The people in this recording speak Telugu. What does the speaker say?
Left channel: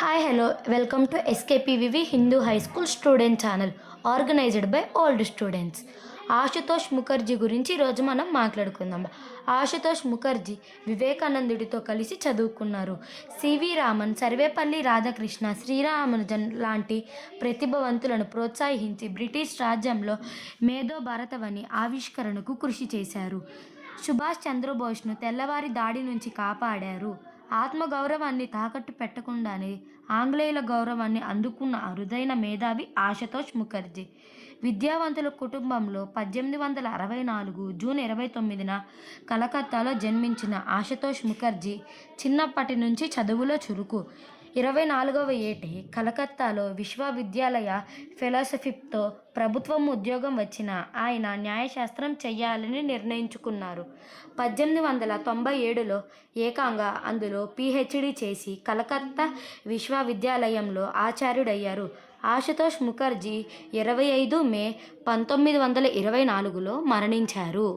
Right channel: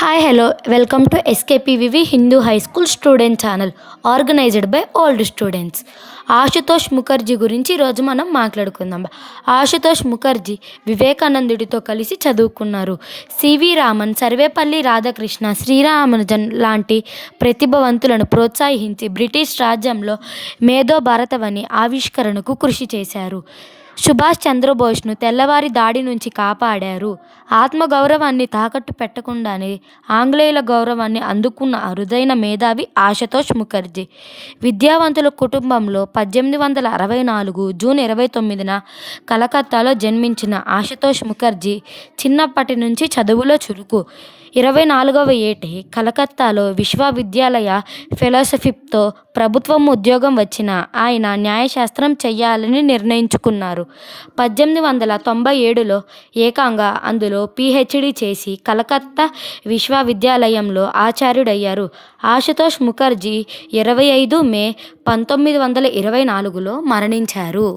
Hi hello welcome to SKPVV Hindu high school student channel organised by old students. Ashutosh Mukherjee గురించి ఈరోజు మనం మాట్లాడుకుందాం. ఆశుతోష్ ముఖర్జీ వివేకానందుడితో కలిసి చదువుకున్నారు. సివి రామన్, సర్వేపల్లి రాధాకృష్ణ, శ్రీరామనుజన్ లాంటి ప్రతిభావంతులను ప్రోత్సహించి బ్రిటిష్ రాజ్యంలో మేధో భారతవని ఆవిష్కరణకు కృషి చేశారు. సుభాష్ చంద్రబోస్ను తెల్లవారి దాడి నుంచి కాపాడారు. ఆత్మగౌరవాన్ని తాకట్టు పెట్టకుండానే ఆంగ్లేయుల గౌరవాన్ని అందుకున్న అరుదైన మేధావి ఆశుతోష్ ముఖర్జీ. విద్యావంతుల కుటుంబంలో 1864 జూన్ 29న కలకత్తాలో జన్మించిన ఆశుతోష్ ముఖర్జీ చిన్నప్పటి నుంచి చదువులో చురుకు. 24వ ఏటే కలకత్తాలో విశ్వవిద్యాలయ ఫెలోషిప్తో ప్రభుత్వం ఉద్యోగం వచ్చిన ఆయన న్యాయశాస్త్రం చెయ్యాలని నిర్ణయించుకున్నారు. 1897లో ఏకంగా అందులో పీహెచ్డీ చేసి కలకత్తా విశ్వవిద్యాలయంలో ఆచార్యుడయ్యారు. ఆశుతోష్ ముఖర్జీ 25 మే 1924లో మరణించారు.